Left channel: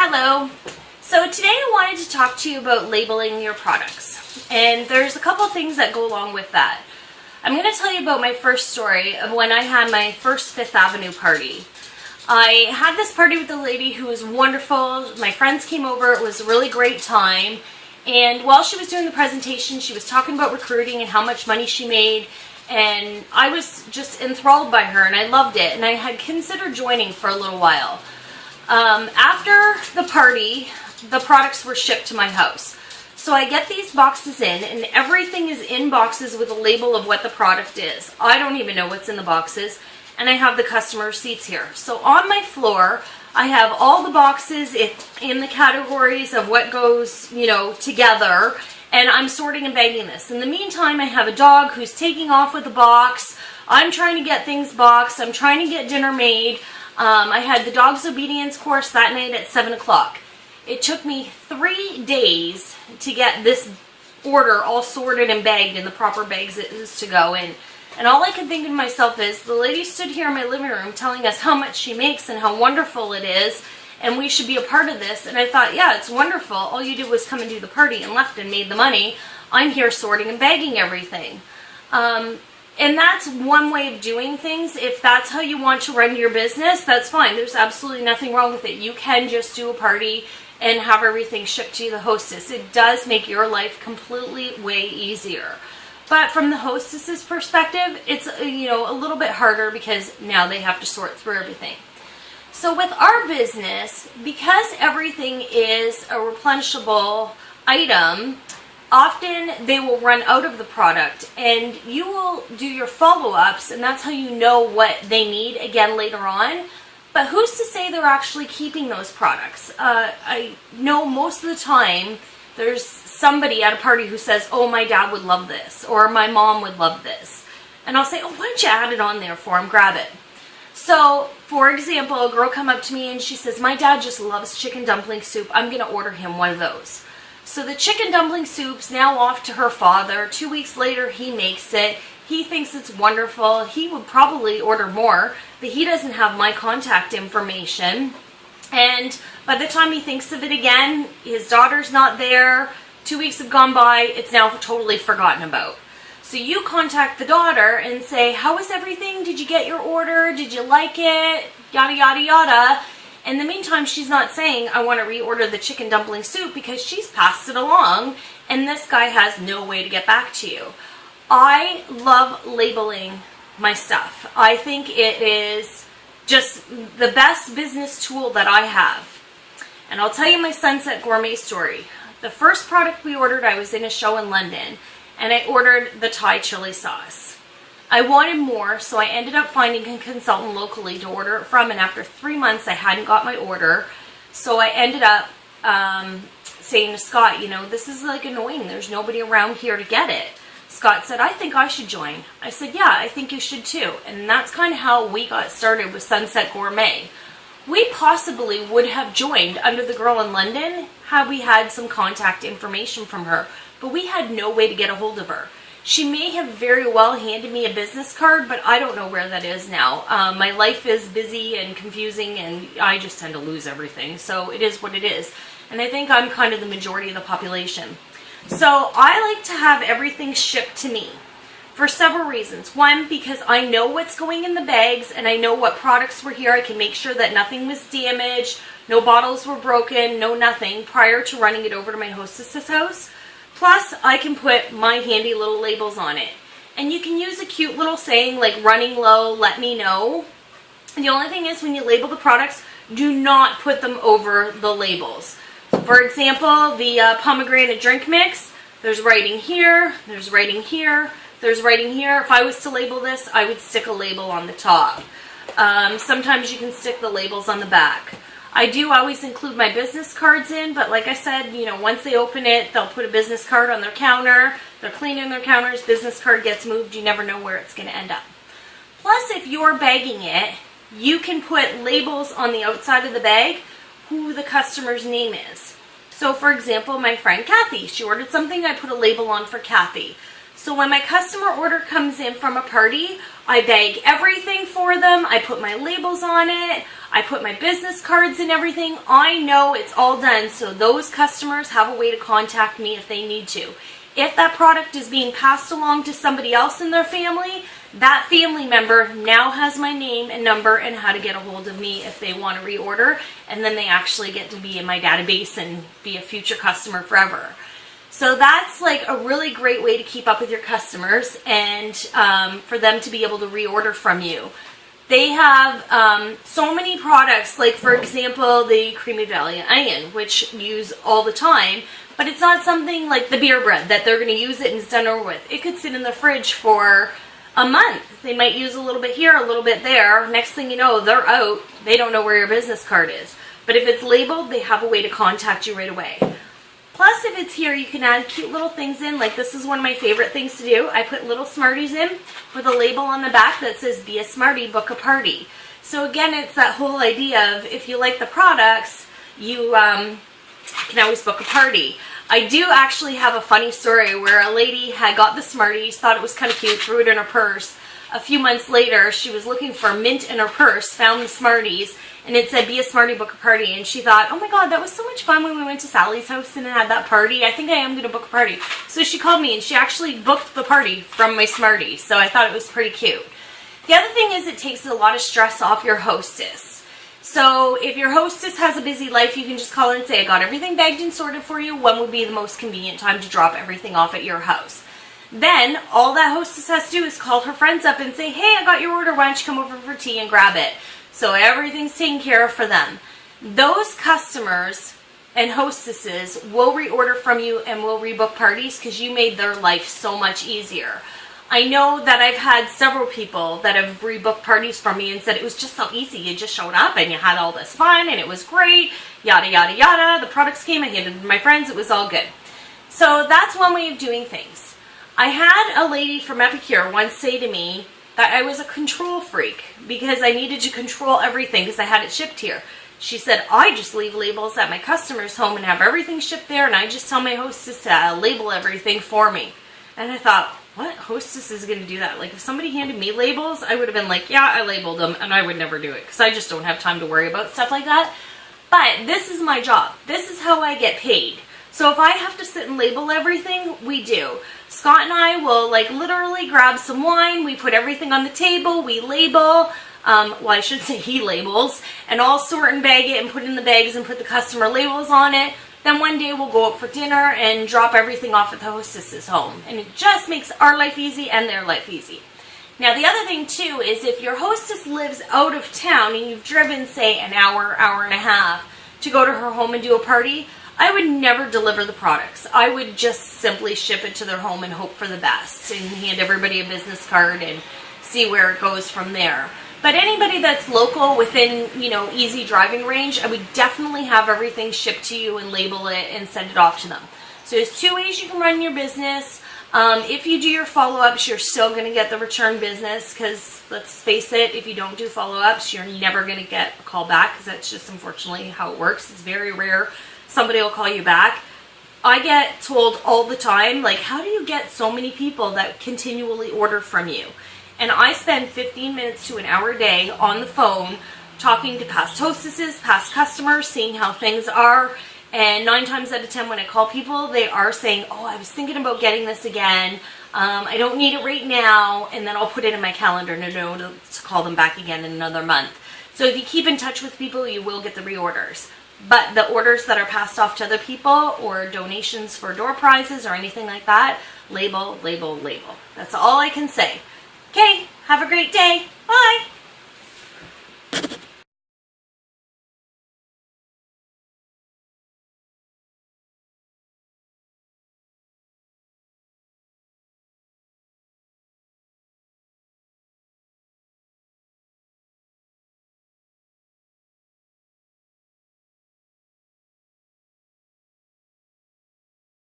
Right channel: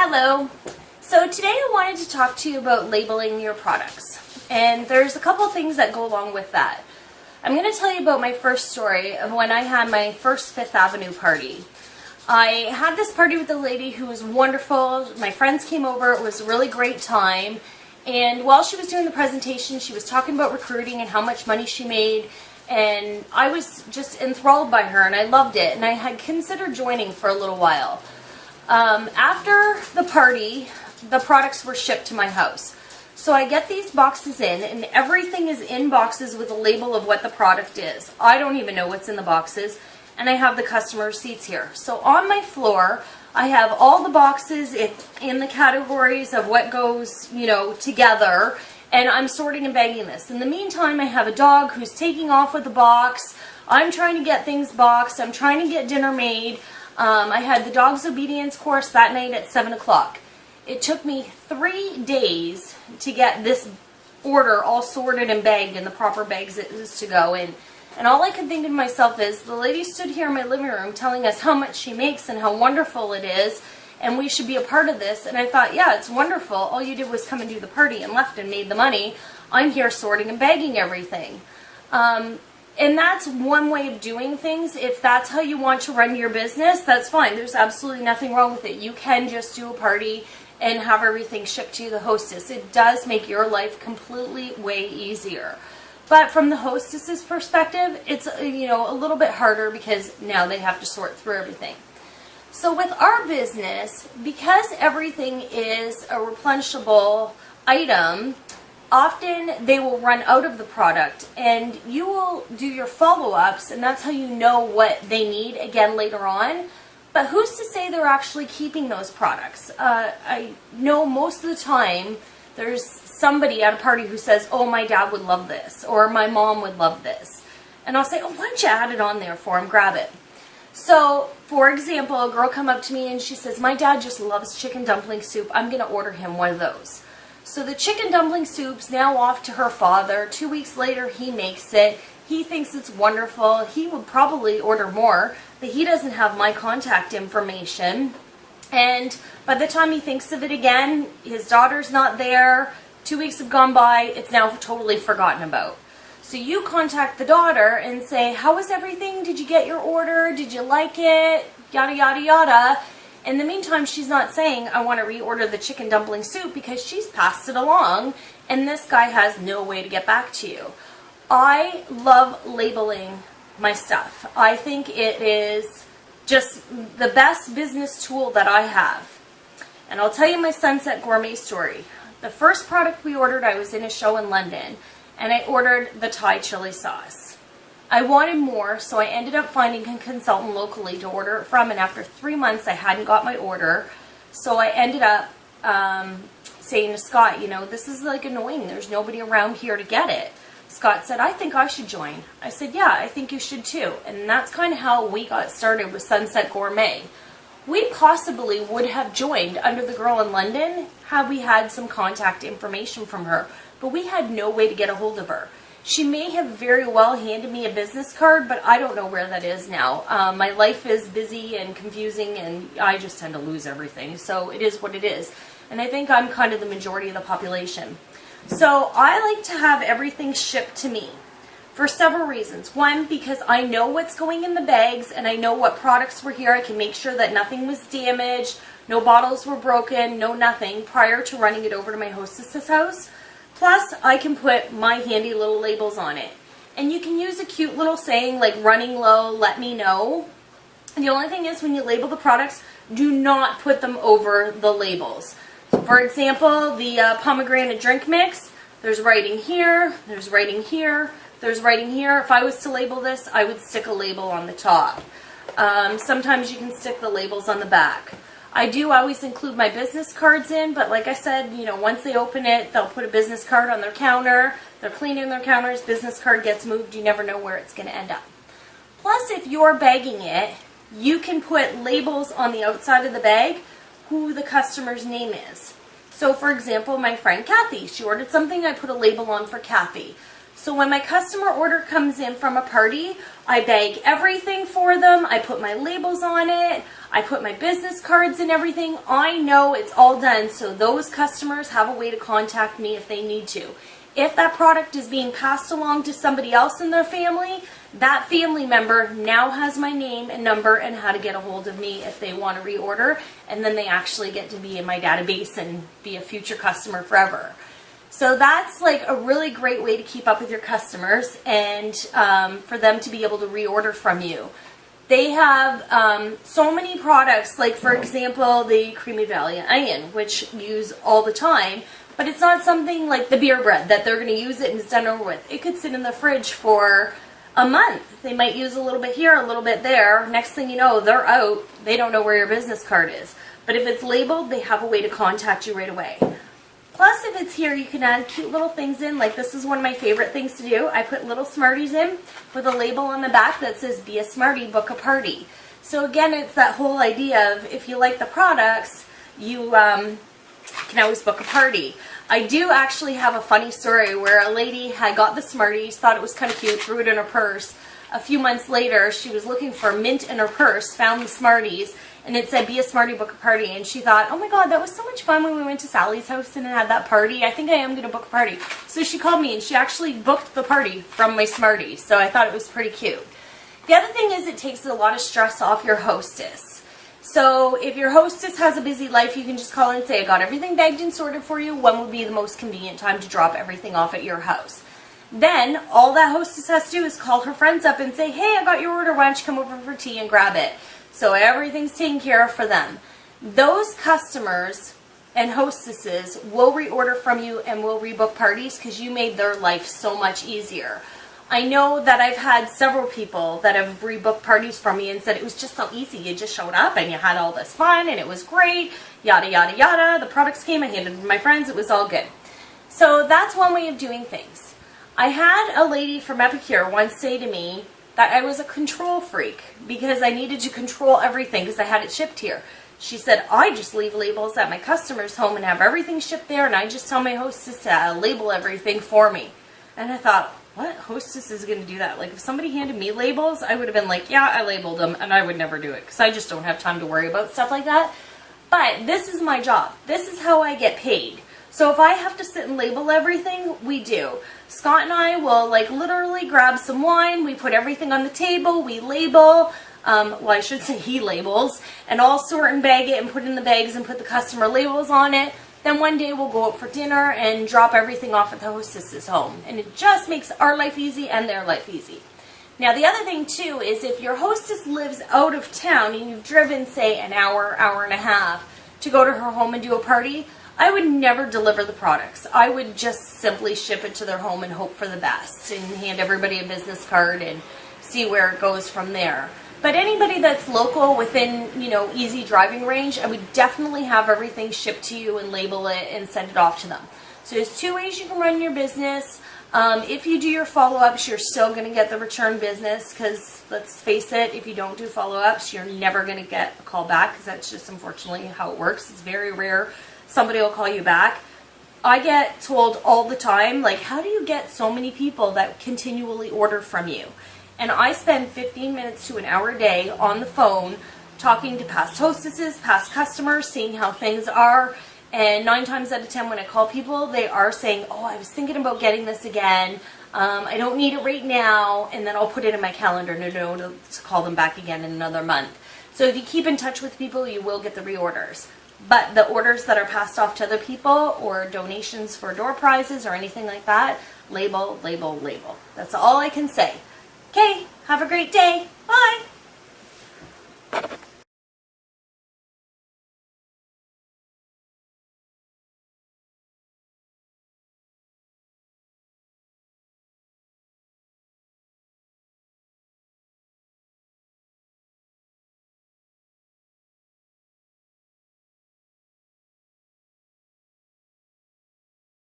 Hello. So today I wanted to talk to you about labeling your products. And there's a couple things that go along with that. I'm going to tell you about my first story of when I had my first Fifth Avenue party. I had this party with a lady who was wonderful. My friends came over. It was a really great time. And while she was doing the presentation, she was talking about recruiting and how much money she made. And I was just enthralled by her and I loved it. And I had considered joining for a little while. After the party, the products were shipped to my house. So I get these boxes in, and everything is in boxes with a label of what the product is. I don't even know what's in the boxes, and I have the customer receipts here. So on my floor, I have all the boxes in the categories of what goes, together, and I'm sorting and bagging this. In the meantime, I have a dog who's taking off with the box. I'm trying to get things boxed. I'm trying to get dinner made. I had the dog's obedience course that night at 7 o'clock. It took me 3 days to get this order all sorted and bagged in the proper bags it is to go in. And all I could think to myself is, the lady stood here in my living room telling us how much she makes and how wonderful it is, and we should be a part of this. And I thought, yeah, it's wonderful. All you did was come and do the party and left and made the money. I'm here sorting and bagging everything. And that's one way of doing things. If that's how you want to run your business, that's fine. There's absolutely nothing wrong with it. You can just do a party and have everything shipped to the hostess. It does make your life completely way easier. But from the hostess's perspective, it's a little bit harder because now they have to sort through everything. So with our business, because everything is a replenishable item, often they will run out of the product, and you will do your follow-ups, and that's how you know what they need again later on. But who's to say they're actually keeping those products? I know most of the time there's somebody at a party who says, oh, my dad would love this, or my mom would love this. And I'll say, oh, why don't you add it on there for him, grab it. So, for example, a girl come up to me and she says, my dad just loves chicken dumpling soup. I'm going to order him one of those. So the chicken dumpling soup's now off to her father. 2 weeks later, he makes it. He thinks it's wonderful. He would probably order more, but he doesn't have my contact information. And by the time he thinks of it again, his daughter's not there. 2 weeks have gone by. It's now totally forgotten about. So you contact the daughter and say, how was everything? Did you get your order? Did you like it? Yada, yada, yada. In the meantime, she's not saying, I want to reorder the chicken dumpling soup, because she's passed it along, and this guy has no way to get back to you. I love labeling my stuff. I think it is just the best business tool that I have. And I'll tell you my Sunset Gourmet story. The first product we ordered, I was in a show in London, and I ordered the Thai chili sauce. I wanted more, so I ended up finding a consultant locally to order it from, and after 3 months I hadn't got my order. So I ended up saying to Scott, this is like annoying. There's nobody around here to get it. Scott said, I think I should join. I said, yeah, I think you should too. And that's kind of how we got started with Sunset Gourmet. We possibly would have joined under the girl in London had we had some contact information from her, but we had no way to get a hold of her. She may have very well handed me a business card, but I don't know where that is now. My life is busy and confusing, and I just tend to lose everything. So it is what it is. And I think I'm kind of the majority of the population. So I like to have everything shipped to me for several reasons. One, because I know what's going in the bags, and I know what products were here. I can make sure that nothing was damaged, no bottles were broken, no nothing, prior to running it over to my hostess's house. Plus, I can put my handy little labels on it. And you can use a cute little saying like running low, let me know. And the only thing is, when you label the products, do not put them over the labels. So for example, the pomegranate drink mix, there's writing here, there's writing here, there's writing here. If I was to label this, I would stick a label on the top. Sometimes you can stick the labels on the back. I do always include my business cards in, but like I said, once they open it, they'll put a business card on their counter. They're cleaning their counters, business card gets moved, you never know where it's going to end up. Plus, if you're bagging it, you can put labels on the outside of the bag who the customer's name is. So for example, my friend Kathy, she ordered something, I put a label on for Kathy. So when my customer order comes in from a party, I bag everything for them. I put my labels on it. I put my business cards and everything. I know it's all done, so those customers have a way to contact me if they need to. If that product is being passed along to somebody else in their family, that family member now has my name and number and how to get a hold of me if they want to reorder, and then they actually get to be in my database and be a future customer forever. So that's like a really great way to keep up with your customers and for them to be able to reorder from you. They have so many products, like for example, the creamy Valley onion, which you use all the time, but it's not something like the beer bread that they're going to use it and it's done over with. It could sit in the fridge for a month. They might use a little bit here, a little bit there. Next thing you know, they're out. They don't know where your business card is. But if it's labeled, they have a way to contact you right away. Plus, if it's here, you can add cute little things in. Like this is one of my favorite things to do. I put little Smarties in with a label on the back that says, "Be a Smartie, book a party." So again, it's that whole idea of if you like the products, you can always book a party. I do actually have a funny story where a lady had got the Smarties, thought it was kind of cute, threw it in her purse. A few months later, she was looking for mint in her purse, found the Smarties, and it said, "Be a Smartie, book a party." And she thought, "Oh my God, that was so much fun when we went to Sally's house and had that party. I think I am going to book a party." So she called me and she actually booked the party from my Smarties. So I thought it was pretty cute. The other thing is it takes a lot of stress off your hostess. So if your hostess has a busy life, you can just call her and say, "I got everything bagged and sorted for you. When would be the most convenient time to drop everything off at your house?" Then all that hostess has to do is call her friends up and say, "Hey, I got your order. Why don't you come over for tea and grab it?" So everything's taken care of for them. Those customers and hostesses will reorder from you and will rebook parties because you made their life so much easier. I know that I've had several people that have rebooked parties from me and said it was just so easy. You just showed up and you had all this fun and it was great, yada, yada, yada. The products came, I handed them to my friends, it was all good. So that's one way of doing things. I had a lady from Epicure once say to me that I was a control freak because I needed to control everything because I had it shipped here. She said, "I just leave labels at my customer's home and have everything shipped there, and I just tell my hostess to label everything for me." And I thought, what hostess is going to do that? Like, if somebody handed me labels, I would have been like, "Yeah, I labeled them," and I would never do it because I just don't have time to worry about stuff like that. But this is my job. This is how I get paid. So if I have to sit and label everything, we do. Scott and I will like literally grab some wine, we put everything on the table, we label, well, I should say he labels, and I'll sort and bag it and put it in the bags and put the customer labels on it. Then one day we'll go out for dinner and drop everything off at the hostess's home. And it just makes our life easy and their life easy. Now the other thing too is if your hostess lives out of town and you've driven, say, an hour, hour and a half to go to her home and do a party, I would never deliver the products. I would just simply ship it to their home and hope for the best and hand everybody a business card and see where it goes from there. But anybody that's local within, easy driving range, I would definitely have everything shipped to you and label it and send it off to them. So there's two ways you can run your business. If you do your follow-ups, you're still going to get the return business because, let's face it, if you don't do follow-ups, you're never going to get a call back because that's just unfortunately how it works. It's very rare somebody will call you back. I get told all the time, like, how do you get so many people that continually order from you? And I spend 15 minutes to an hour a day on the phone talking to past hostesses, past customers, seeing how things are. And 9 times out of 10 when I call people, they are saying, "Oh, I was thinking about getting this again. I don't need it right now." And then I'll put it in my calendar to call them back again in another month. So if you keep in touch with people, you will get the reorders. But the orders that are passed off to other people or donations for door prizes or anything like that, label, label, label. That's all I can say. Okay, have a great day. Bye.